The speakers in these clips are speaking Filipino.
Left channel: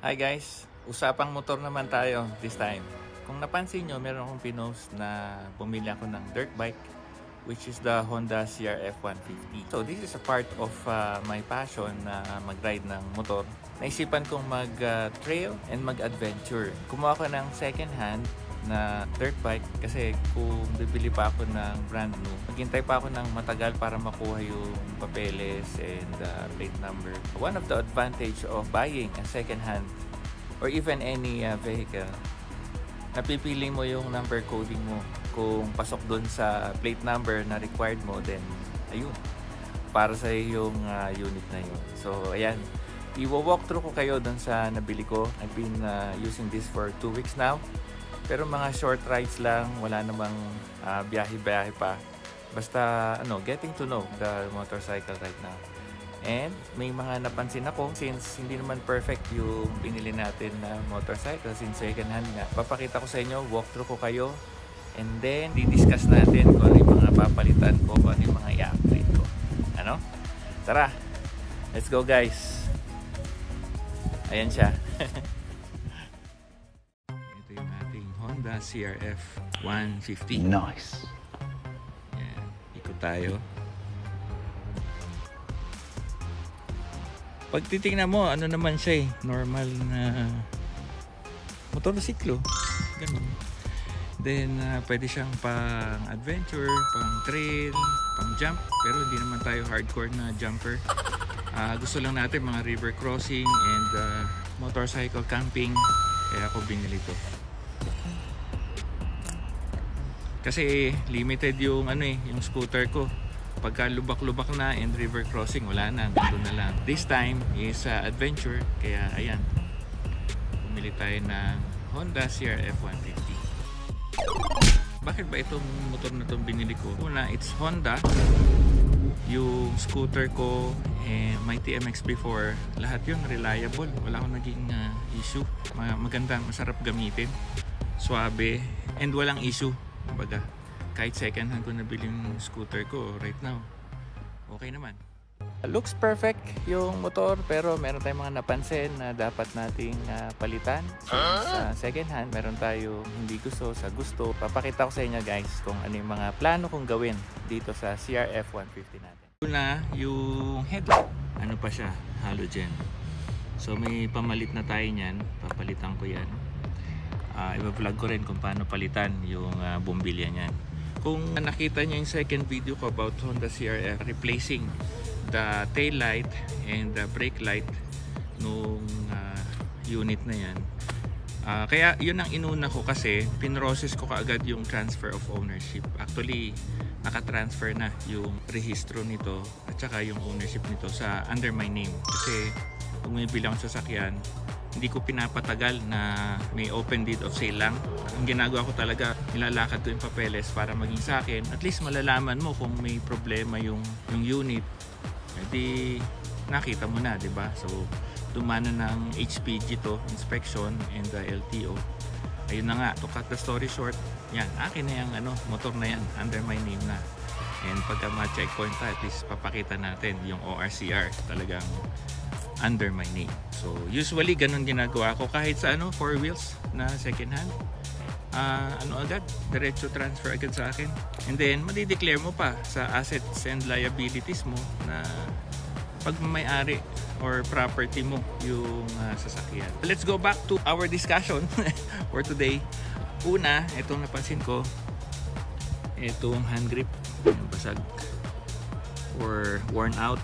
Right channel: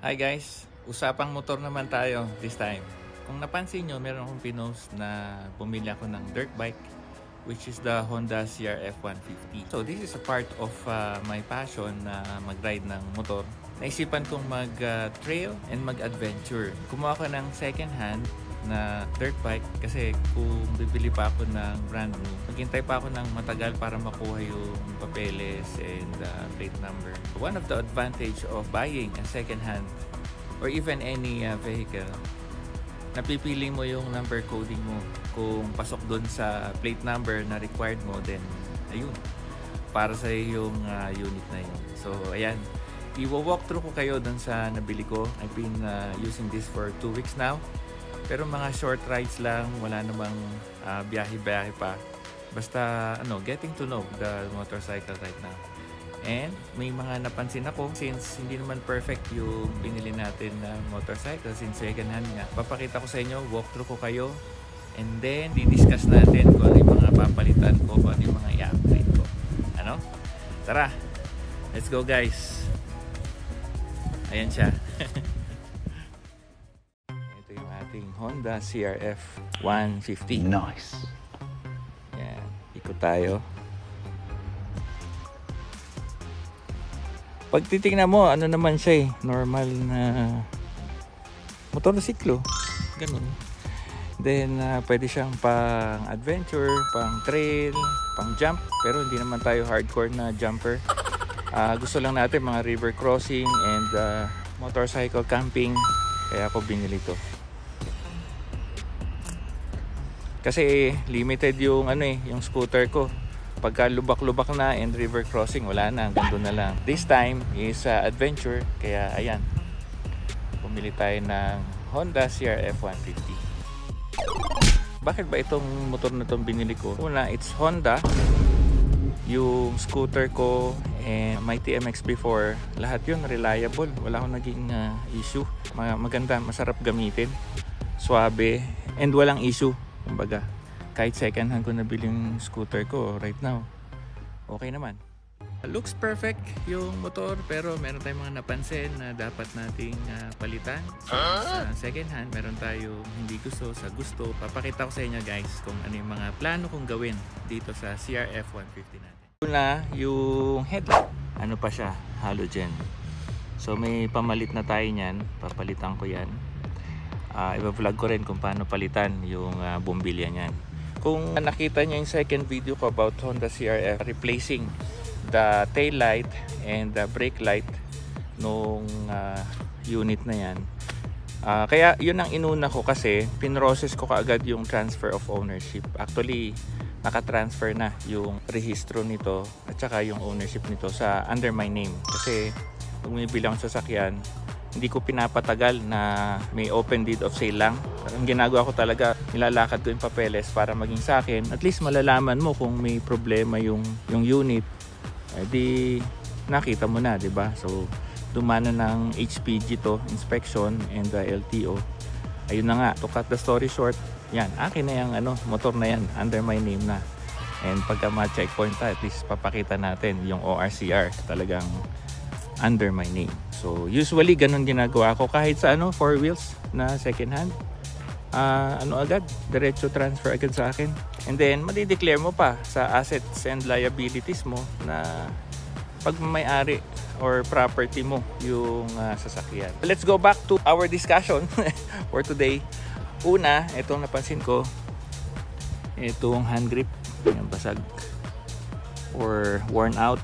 Hi guys, usapang motor naman tayo this time. Kung napansin nyo, meron akong pinost na bumili ako ng dirt bike, which is the Honda CRF 150. So this is a part of my passion na mag-ride ng motor. Naisipan kong mag-trail and mag-adventure. Kumuha ko ng second hand na dirt bike kasi kung bibili pa ako ng brand new, maghintay pa ako ng matagal para makuha yung papeles and plate number. One of the advantage of buying a second hand or even any vehicle, napipili mo yung number coding mo. Kung pasok dun sa plate number na required mo, then ayun, para sa yung unit na yun. So ayan, i-walk through ko kayo dun sa nabili ko. I've been using this for 2 weeks now. Pero mga short rides lang, wala namang biyahe-biyahe pa. Basta getting to know the motorcycle right now. And may mga napansin ako, since hindi naman perfect yung binili natin na motorcycle, since second hand nga. Papakita ko sa inyo, walk through ko kayo, and then di-discuss natin kung ano yung mga papalitan ko, kung ano yung mga i-upgrade ko. Ano? Tara! Let's go guys! Ayan siya. Honda CRF 150. Nice. Yan, ikot tayo. Pag titingnan mo, ano naman siya normal na motorsiklo. Ganun. Then, pwede siyang pang adventure, pang trail, pang jump. Pero hindi naman tayo hardcore na jumper. Gusto lang natin mga river crossing and motorcycle camping. Kaya ako binili to. Kasi limited yung yung scooter ko. Pagka lubak-lubak na and river crossing, wala na, ganito na lang. This time is adventure, kaya ayan. Pumili tayo ng Honda CRF 150. Bakit ba itong motor na itong binili ko? Una, it's Honda. Yung scooter ko and my TMX before, lahat yun reliable. Wala akong naging issue. Maganda, masarap gamitin. Suabe and walang issue. Kumbaga, kahit second hand ko nabili yung scooter ko right now, okay naman. Looks perfect yung motor, pero meron tayong mga napansin na dapat nating palitan. Second hand, meron tayong hindi gusto sa gusto. Papakita ko sa inyo guys kung ano yung mga plano kong gawin dito sa CRF 150 natin. Una, yung headlight. Ano pa siya? Halogen. So may pamalit na tayo niyan. Papalitan ko yan. I-vlog ko rin kung paano palitan yung bumbilya niyan. Kung nakita niyo yung second video ko about Honda CRF, replacing the tail light and the brake light nung unit na yan. Kaya yun ang inuna ko kasi pinrocess ko kaagad yung transfer of ownership. Actually, naka-transfer na yung rehistro nito at saka yung ownership nito sa under my name. Kasi kung may bilang sasakyan, hindi ko pinapatagal na may open deed of sale lang. Ang ginagawa ko talaga, nilalakad ko yung papeles para maging sa akin. At least malalaman mo kung may problema yung unit. Di nakita mo na, di ba? So, tumana ng HPG to, inspection and the LTO. Ayun na nga, to cut the story short, yan, akin na yung motor na yan, under my name na. And pagka ma-checkpoint tayo, at least papakita natin yung ORCR talagang under my name. So usually ganun ginagawa ko kahit sa 4 wheels na second hand. Agad, diretso transfer agad sa akin. And then madi-declare mo pa sa assets and liabilities mo na pagmamay-ari or property mo yung sasakyan. Let's go back to our discussion for today. Una, itong napansin ko, itong hand grip, yung basag or worn out.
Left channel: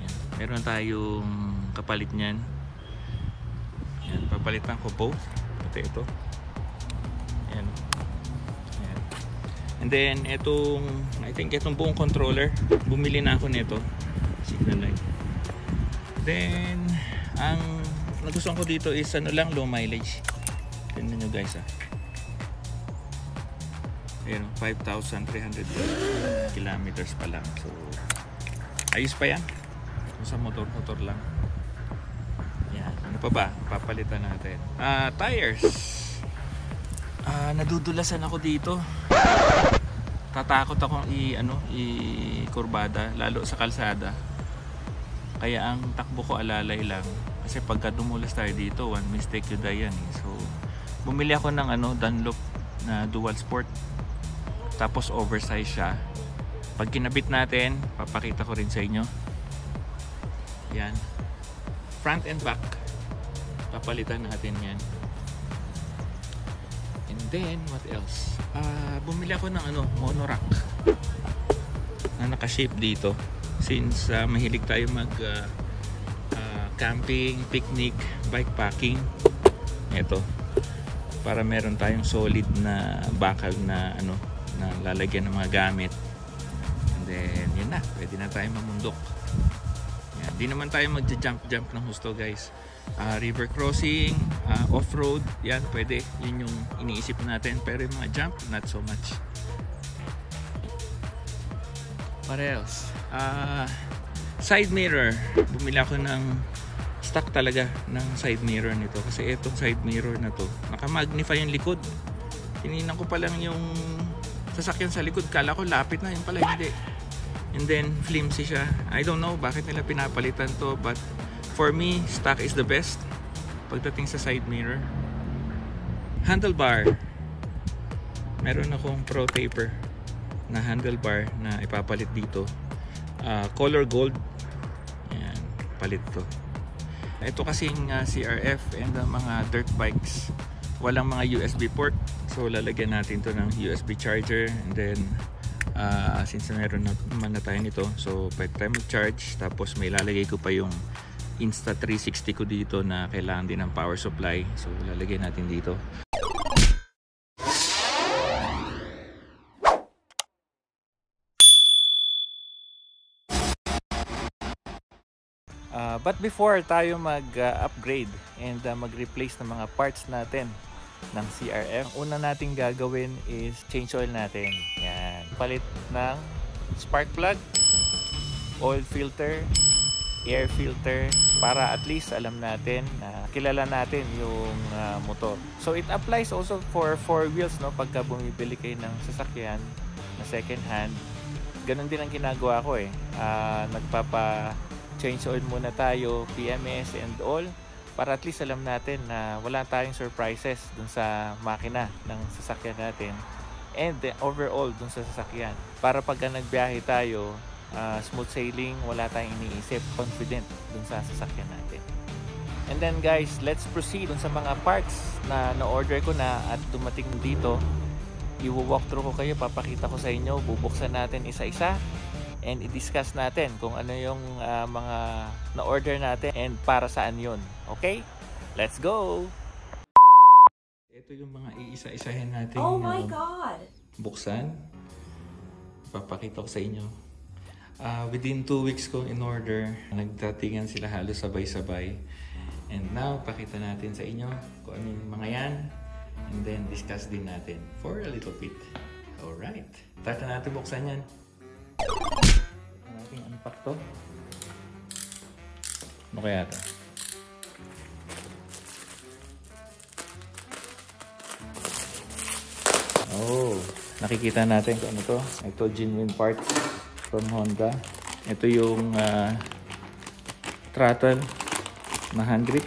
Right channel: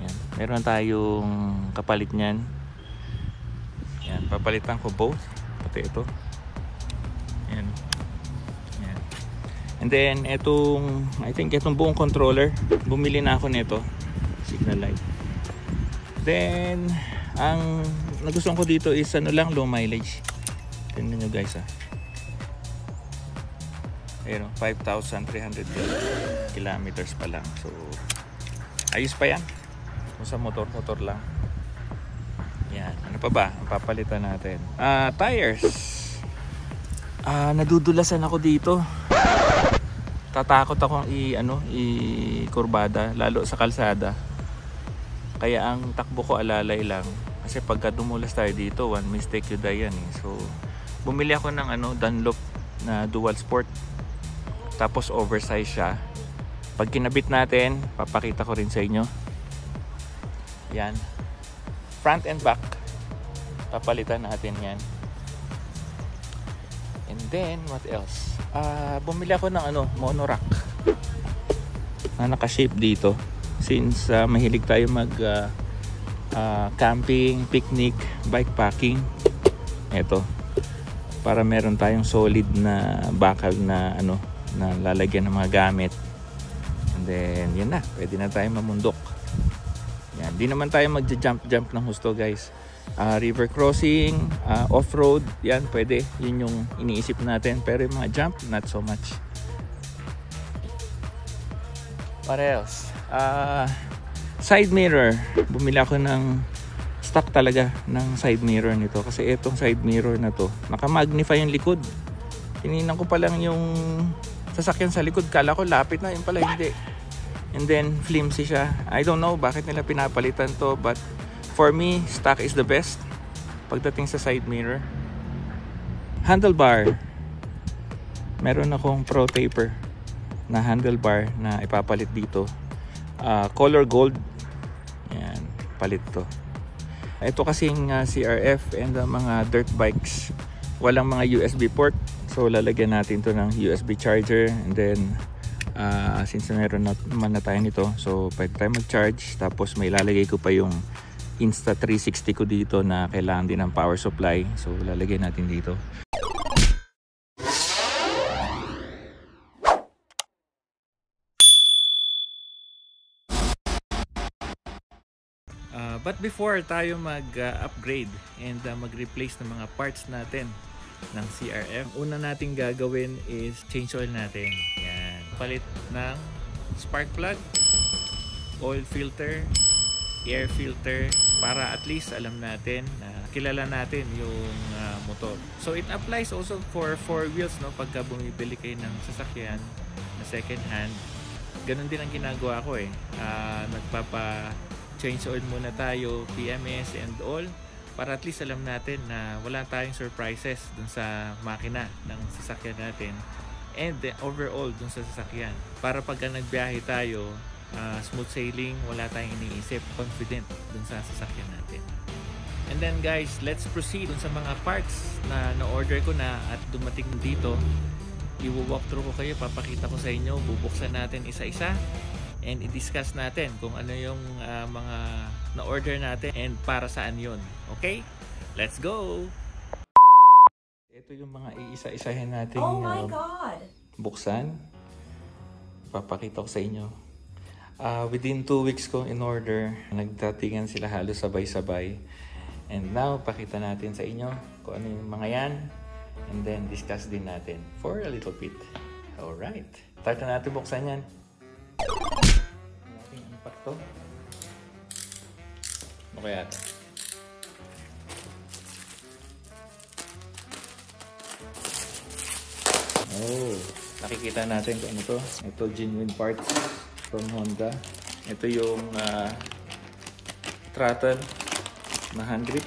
Yan. Meron tayong kapalit niyan. Yan, papalitan ko both, pati ito. Yan. Yan. And then itong, I think itong buong controller, bumili na ako nito, signal light. Then ang nagustuhan ko dito is lang, low mileage. Tingnan nyo guys ayun, 5,300 kilometers pa lang. So ayos pa yan sa motor lang. Yan, ano pa ba ang papalitan natin? Tires. Nadudulasan ako dito. Tatakot akong i-kurbada lalo sa kalsada. Kaya ang takbo ko alalay lang. Kasi pagka dumulas tayo dito, one mistake you die yan eh. So bumili ako ng Dunlop na dual sport, tapos oversize siya. Pag kinabit natin, papakita ko rin sa inyo. Yan, front and back, papalitan natin yan. And then what else, bumili ako ng monorack na naka-shape dito, since mahilig tayo mag camping, picnic, bikepacking. Ito, para meron tayong solid na bakal na na lalagyan ng mga gamit. And then yun na, pwede na tayo mamundok. Yan, di naman tayo magja-jump ng husto guys. River crossing, off-road, yan pwede, yun yung iniisip natin. Pero yung mga jump, not so much. What else? Side mirror, bumili ako ng stock talaga ng side mirror nito, kasi itong side mirror na to naka-magnify yung likod. Tinignan ko pa lang yung sasakyan sa likod, kala ko lapit na, yun pala hindi. And then flimsy siya. I don't know bakit nila pinapalitan to, but for me, stock is the best pagdating sa side mirror. Handlebar, meron akong Pro Taper na handlebar na ipapalit dito. Color gold, yan, palit to. Ito kasing CRF and mga dirt bikes, walang mga USB port, so lalagyan natin to ng USB charger. And then since meron naman na tayo nito, so pwede tayo mag-charge. Tapos may lalagay ko pa yung Insta360 ko dito na kailangan din ng power supply, so lalagay natin dito. But before tayo mag-upgrade and mag-replace ng mga parts natin ng CRF, una nating gagawin is change oil natin. Yan. Palit ng spark plug, oil filter, air filter, para at least alam natin na kilala natin yung motor. So it applies also for 4 wheels, no? Pagka bumibili kayo ng sasakyan na second hand, ganun din ang ginagawa ko eh. Nagpapa change oil muna tayo, PMS and all, para at least alam natin na wala tayong surprises dun sa makina ng sasakyan natin and overall dun sa sasakyan, para pagka nagbiyahe tayo, smooth sailing, wala tayong iniisip, confident dun sa sasakyan natin. And then guys, let's proceed dun sa mga parts na na-order ko na at dumating dito. I-walk through ko kayo, papakita ko sa inyo, bubuksan natin isa-isa and i-discuss natin kung ano yung mga na-order natin and para saan yun. Okay? Let's go! Ito yung mga iisa-isahin natin. Oh my God! Buksan. Papakita ko sa inyo. Within 2 weeks kong in-order, nagdatingan sila halos sabay-sabay. And now, pakita natin sa inyo kung ano yung mga yan. And then, discuss din natin for a little bit. Alright. Start na natin buksan yan. Natin unpack to. Ano kaya ito? Oh, nakikita natin kung ano to. Ito, genuine parts from Honda. Ito yung throttle na hand grip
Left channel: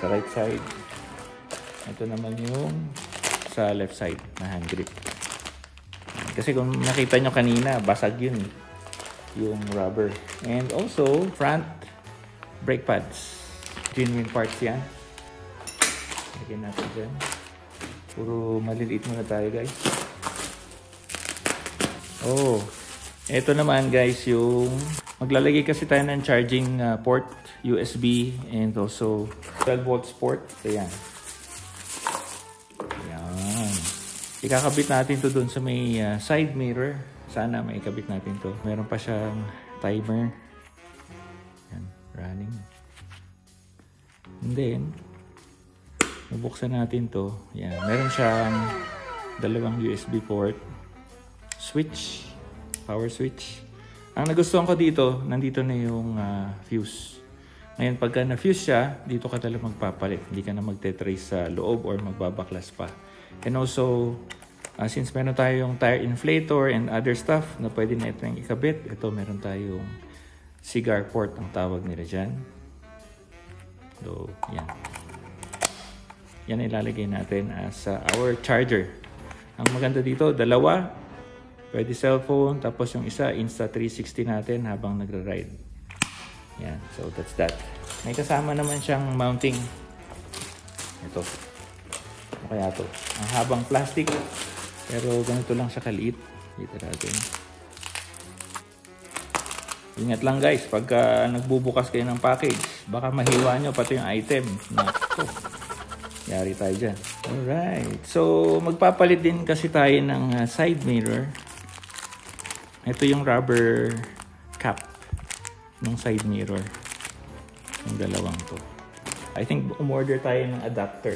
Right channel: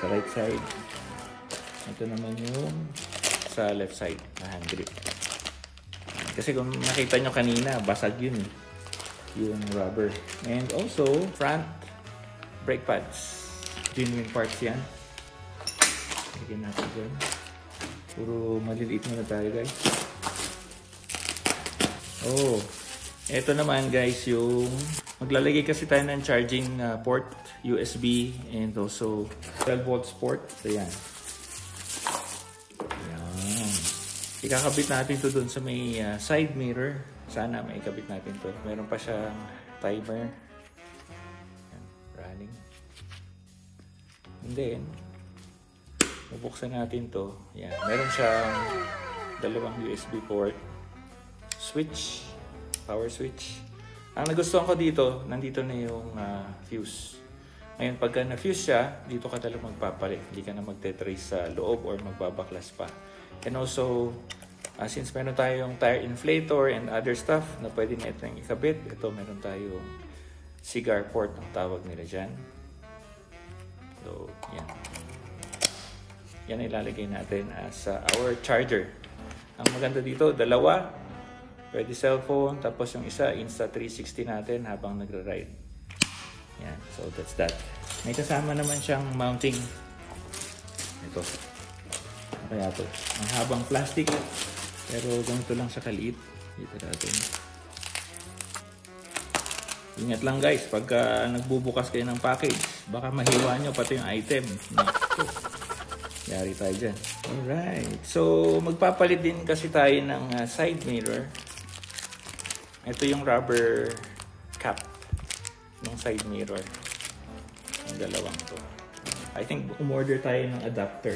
sa right side. Ito naman yung sa left side na hand grip. Kasi kung nakita nyo kanina, basag yun yung rubber. And also, front brake pads. Genuine parts yan. Lagyan natin dyan. Puro maliliit muna tayo guys. Oh, ito naman guys yung maglalagay kasi tayo ng charging port, USB, and also 12 volts port. Ayan. Ikakabit natin to dun sa may side mirror. Sana may ikabit natin to. Meron pa siyang timer. Yan, running. And then, bubuksan natin to. Yan, meron siyang dalawang USB port. Switch. Power switch. Ang nagustuhan ko dito, nandito na yung fuse. Ngayon, pagka na-fuse siya, dito ka talagang magpapalit. Hindi ka na magte-trace sa loob or magbabaklas pa. And also, since meron tayong tire inflator and other stuff na pwede na itong ikabit, ito meron tayong cigar port ang tawag nila dyan. Yan ilalagay natin as our charger. Ang maganda dito, dalawa. Pwede cellphone, tapos yung isa, Insta360 natin habang nagra-ride. Yan, so that's that. May kasama naman siyang mounting. Ito. Kaya to. Ang habang plastic, pero ganito lang siya kaliit. Dito natin. Ingat lang guys, pagka nagbubukas kayo ng package, baka mahiwa nyo pati yung item. Yari tayo dyan. Alright. So, magpapalit din kasi tayo ng side mirror. Ito yung rubber cap ng side mirror. Yung dalawang to. I think umorder tayo ng adapter.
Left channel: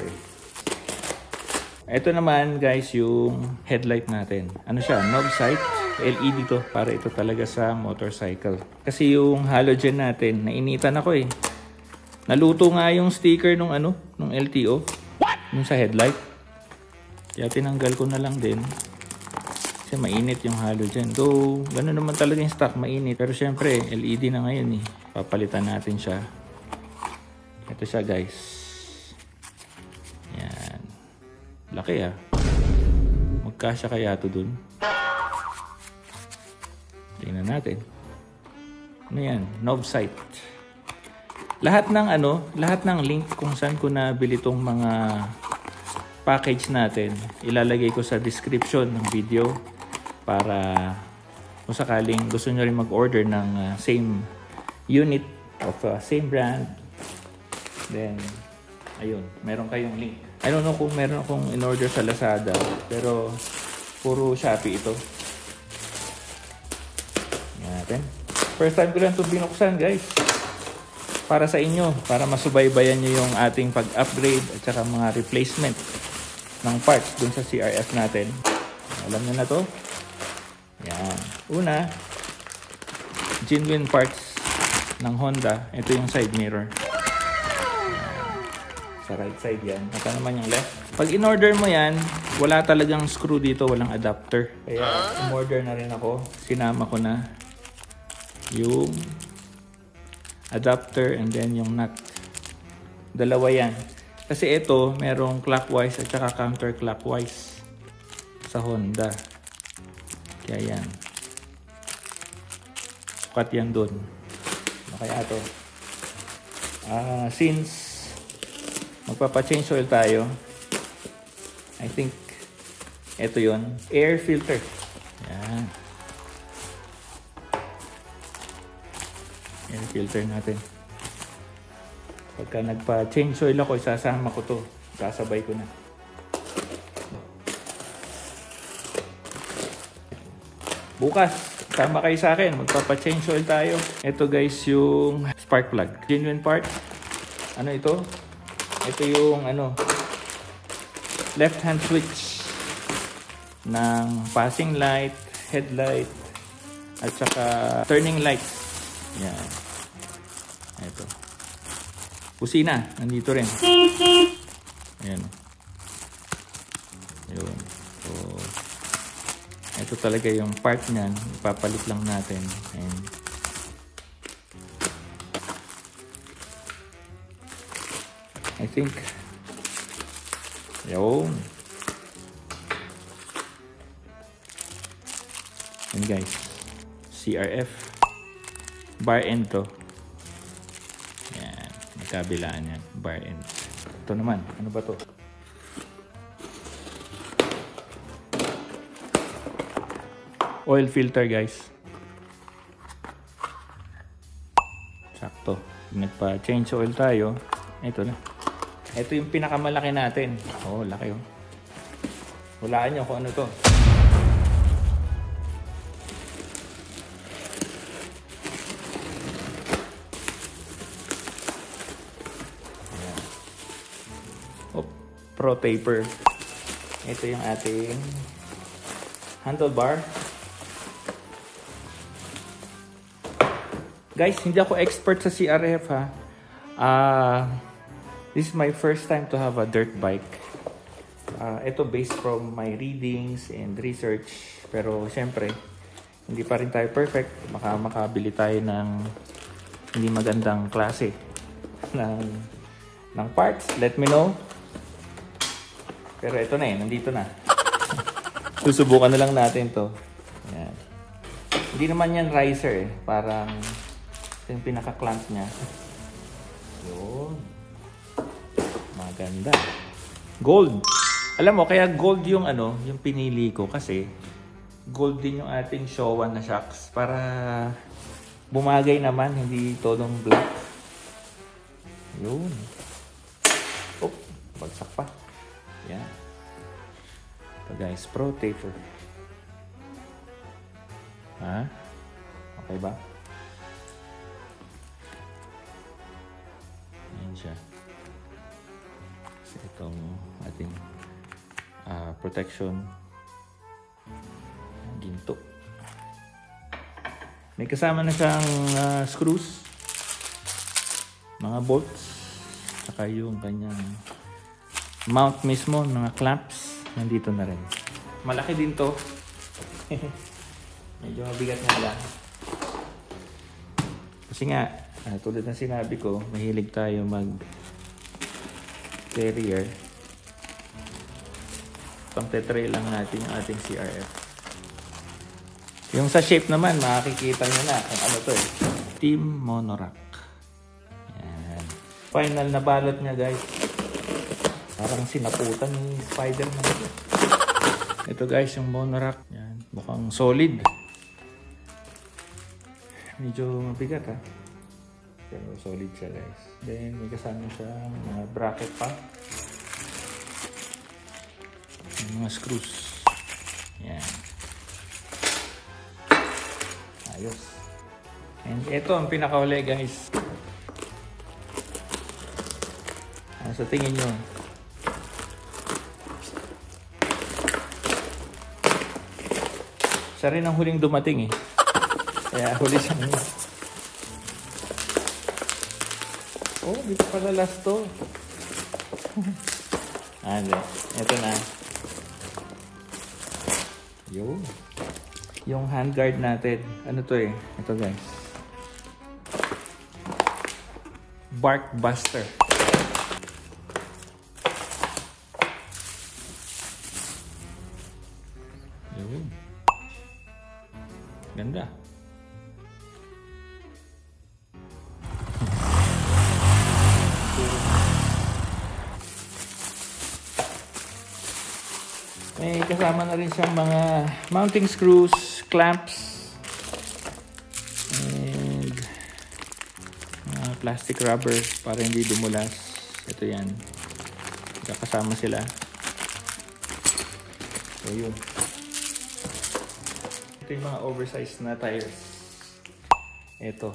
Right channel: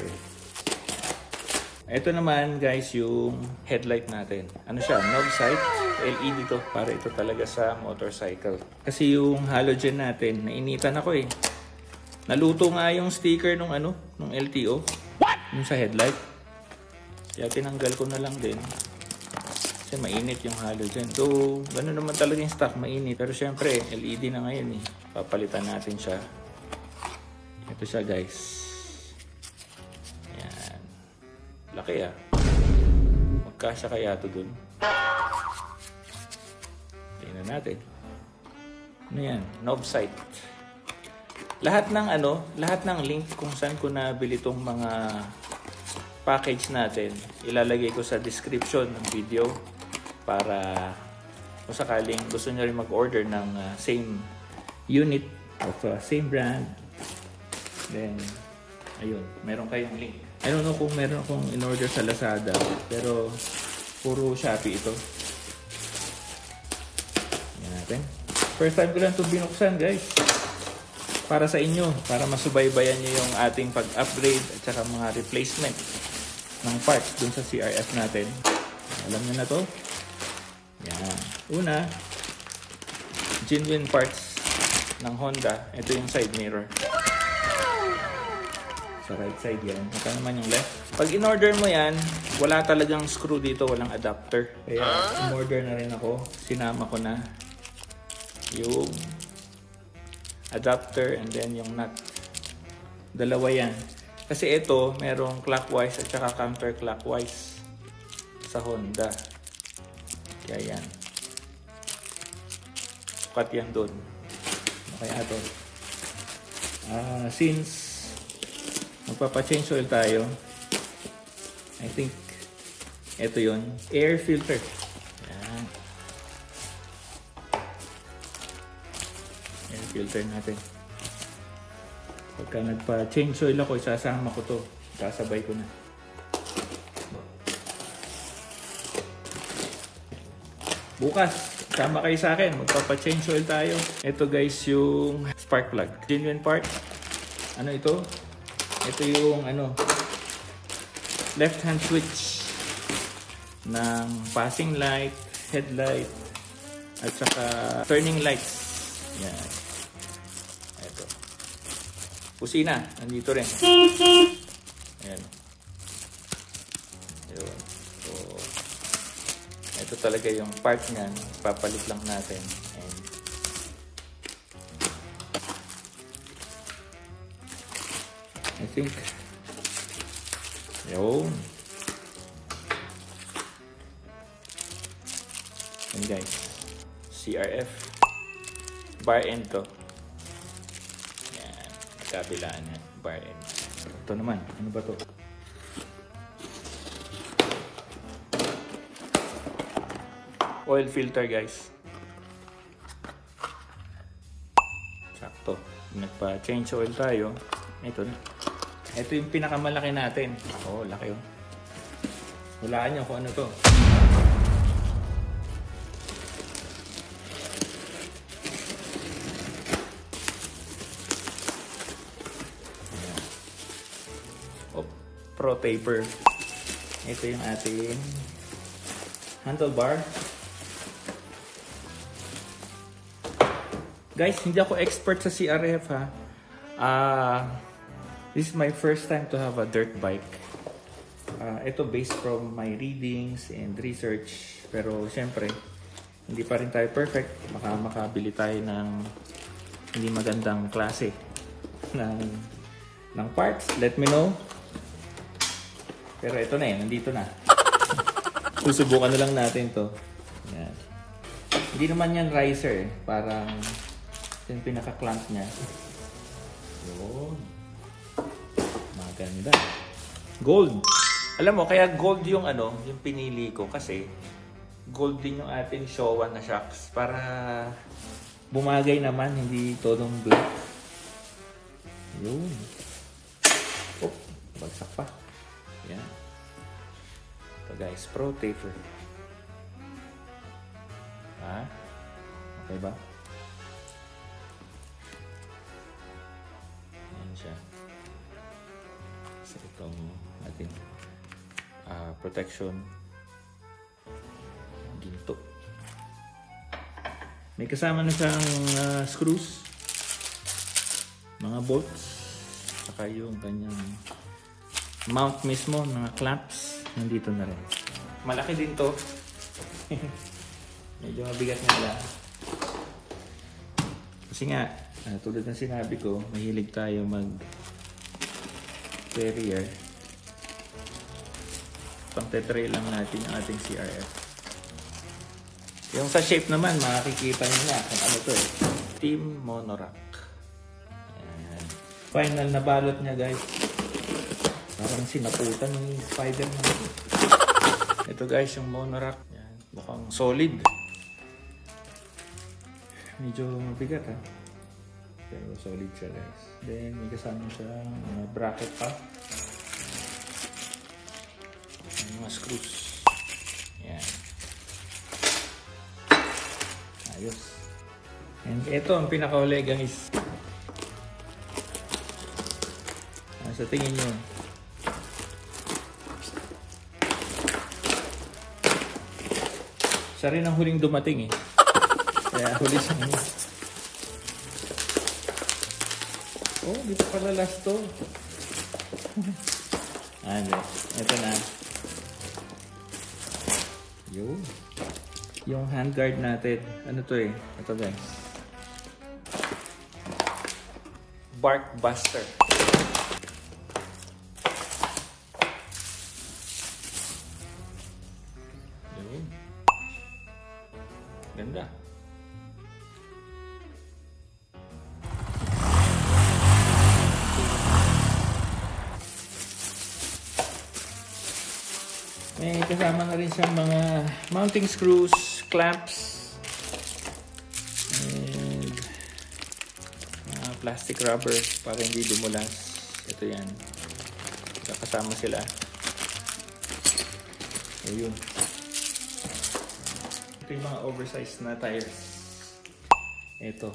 Ito naman guys yung headlight natin. Ano siya? Knob sight. LED to. Para ito talaga sa motorcycle. Kasi yung halogen natin, nainitan ako eh. Naluto nga yung sticker nung nung LTO. What? Yung sa headlight. Kaya tinanggal ko na lang din. Kasi mainit yung halogen. So, gano'n naman talaga yung stock, mainit. Pero syempre, LED na ngayon eh. Papalitan natin siya. Ito siya guys. Yan. Laki ah. Magkasya kaya ito dun. Tingnan natin. Ano yan? Knob sight. Lahat ng link kung saan ko nabili itong mga package natin, ilalagay ko sa description ng video para kung sakaling gusto nyo rin mag-order ng same unit of same brand, then ayun, meron kayong link. I don't know kung meron akong in-order sa Lazada, pero puro Shopee ito. Yan. First time ko lang ito binuksan guys. Para sa inyo, para masubaybayan nyo yung ating pag-upgrade at saka mga replacement ng parts dun sa CRF natin. Alam nyo na to. Yan. Una, genuine parts ng Honda. Ito yung side mirror. Sa right side yan. Ito naman yung left. Pag in-order mo yan, wala talagang screw dito, walang adapter. Kaya in-order na rin ako. Sinama ko na yung adapter and then yung nut. Dalawa yan. Kasi ito, merong clockwise at saka counterclockwise sa Honda. Kaya yan. Sapat yan dun. Okay ate. Since magpapa-change oil tayo, I think ito yun. Air filter. Yan. Air filter natin. Pagka nagpa-change oil ako, isasama ko to. Sasabay ko na. Bukas, sama kayo sa akin. Magpapa-change oil tayo. Ito guys yung spark plug. Genuine part. Ano ito? Ito yung left hand switch ng passing light, headlight, at saka turning lights. Yan. Ito. Kusina. Nandito rin. Yan. Yun. So, ito talaga yung part niyan. Ipapalit lang natin. Ayan. I think yun. And guys, CRF bar end to. Ayan, kabilaan yan, bar end. Ito naman, ano ba to? Oil filter guys. Sakto. Nagpa-change oil tayo. Ito na. Ito yung pinakamalaki natin. Oo, laki yun. Hulaan nyo kung ano to. Pro taper. Ito yung ating handlebar. Guys, hindi ako expert sa CRF ha. This is my first time to have a dirt bike. Ito based from my readings and research. Pero syempre, hindi pa rin tayo perfect. Baka makabili tayo ng hindi magandang klase ng parts. Let me know. Pero ito na eh, nandito na. Susubukan na lang natin to. Yan. Hindi naman yan riser eh. Parang ito yung pinaka-clamp niya. Yun. Maganda. Gold. Alam mo, kaya gold yung ano, yung pinili ko kasi gold din yung ating Showa na shocks para bumagay naman, hindi todong black. Yun. Oh, bagsak pa. Yan. Ito guys, Pro Taper. Ha? Okay ba? Ayan siya. So itong ating protection ginto. May kasama na siyang screws, mga bolts, saka yung kanyang mount mismo, mga clamps, nandito na rin. Malaki din to. Medyo mabigat na lang. Kasi nga, tulad ng sinabi ko, mahilig tayo mag carrier. Pang tetrail lang natin yung ating CRF. Yung sa shape naman, makikita nyo na kung ano to. Team Monorack. Ayan. Final na balot niya guys. Parang sinaputan ng Spider-Man. Ito guys, yung Monorack. Ayan. Mukhang solid. Medyo mabigat ha. Pero solid siya guys. Then may kasama siya bracket pa. Mga screws. Ayan. Ayos. And ito ang pinakauli guys. So tingin nyo. Siya rin ang huling dumating eh. Kaya huli siya ngayon. Oh, dito pala last to. Ano, ito na. Yun. Yung handguard natin. Ano to eh? Ito guys. Bark Buster. Yun. Ganda. May kasama na rin siyang mga mounting screws, clamps, and plastic rubber para hindi dumulas. Ito yan. Kasama sila. So yun. Ito yung mga oversized na tires. Ito.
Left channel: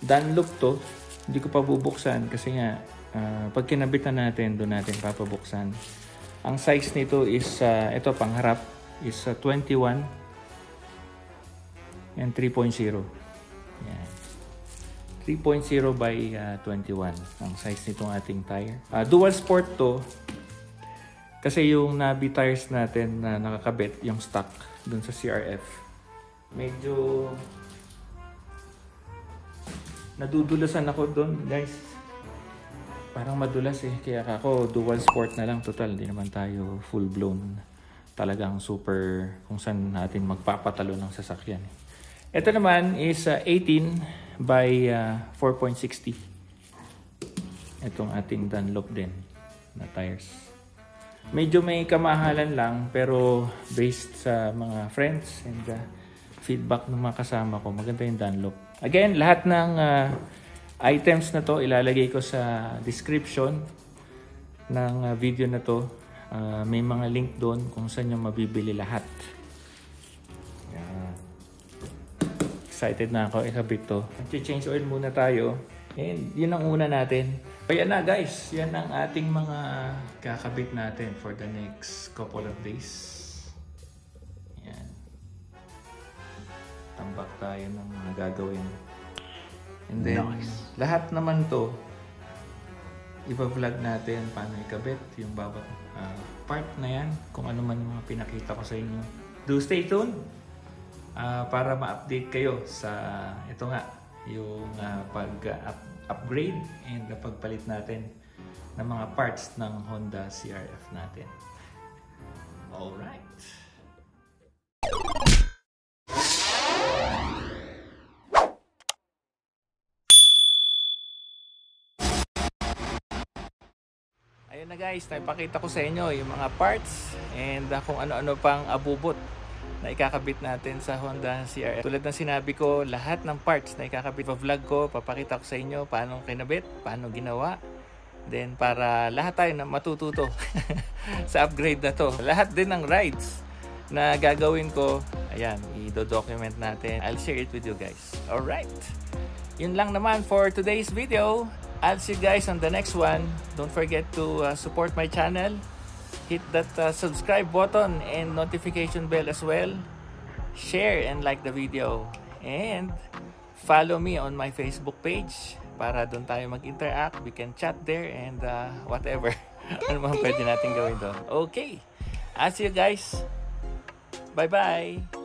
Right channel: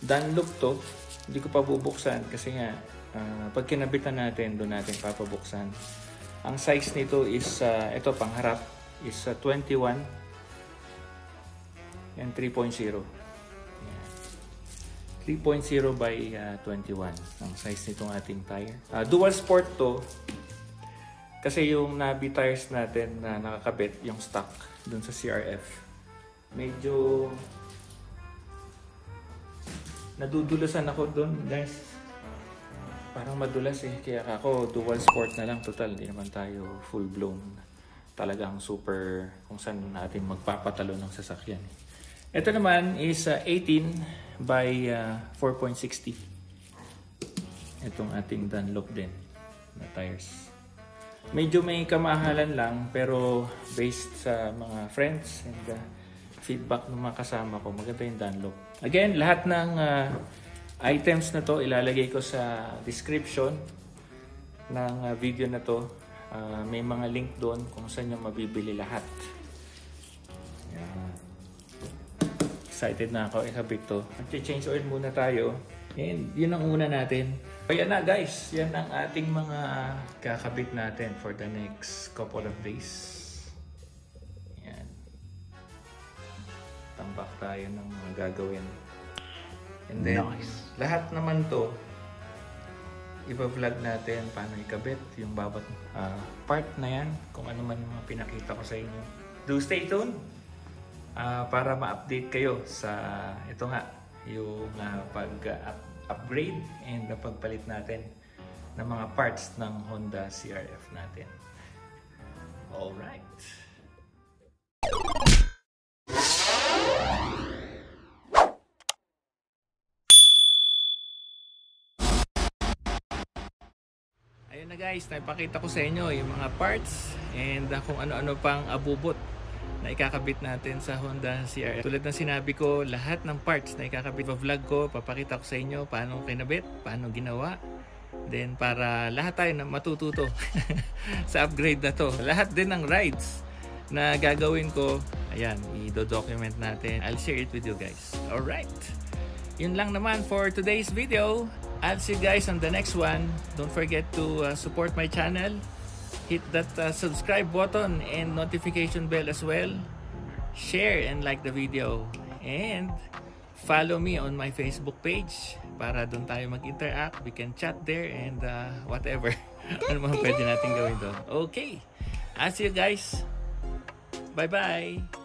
Dunlop to. Hindi ko pa bubuksan kasi nga pag kinabit na natin, doon natin papabuksan. Ang size nito is, ito pangharap, is 21 and 3.0. 3.0 by 21 ang size nitong ating tire. Dual sport to kasi yung Nabi tires natin na nakakabit, yung stock dun sa CRF, medyo nadudulasan ako dun guys. Parang madulas eh, kaya ako dual sport na lang total, di naman tayo full blown talagang super kung saan natin magpapatalo ng sasakyan. Ito naman is 18 by 4.60. Itong ating Dunlop din na tires. Medyo may kamahalan lang pero based sa mga friends and feedback ng mga kasama ko, maganda yung Dunlop. Again, lahat ng items na to ilalagay ko sa description ng video na to. May mga link doon kung saan nyo mabibili lahat. Excited na ako ikabit to. Mag-change oil muna tayo. And yun ang una natin. So yan na guys, yan ang ating mga kakabit natin for the next couple of days. Yan. Tambak tayo ng mga gagawin. And then, nice. Lahat naman to, iba-vlog natin paano ikabit yung bawat part na yan, kung ano man yung mga pinakita ko sa inyo. Do stay tuned para ma-update kayo sa ito nga, yung pag-upgrade and pagpalit natin ng mga parts ng Honda CRF natin. Alright. Ayun na guys, naipakita ko sa inyo yung mga parts and kung ano-ano pang abubot na ikakabit natin sa Honda CRF. Tulad ng sinabi ko, lahat ng parts na ikakabit sa vlog ko, papakita ko sa inyo paano kinabit, paano ginawa. Then para lahat tayo na matututo sa upgrade na to. Lahat din ng rides na gagawin ko, ayan, i-document natin. I'll share it with you guys. Alright, yun lang naman for today's video. I'll see you guys on the next one. Don't forget to support my channel. Hit that subscribe button and notification bell as well. Share and like the video. And follow me on my Facebook page para doon tayo mag-interact. We can chat there and whatever. Ano man pwede natin gawin doon. Okay. I'll see you guys. Bye-bye.